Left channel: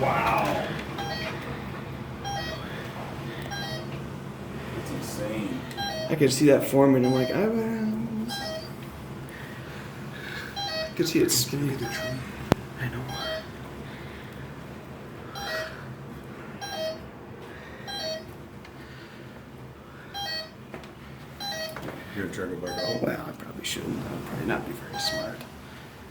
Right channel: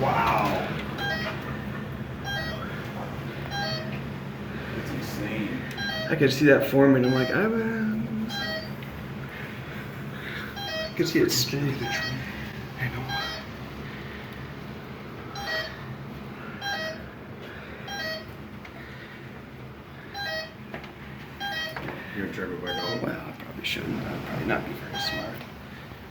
Wow. That's insane. I could see that forming. I'm like, I could see it straight. I know. You're gonna try to go back out? Well, I probably shouldn't. That'd probably not be very smart.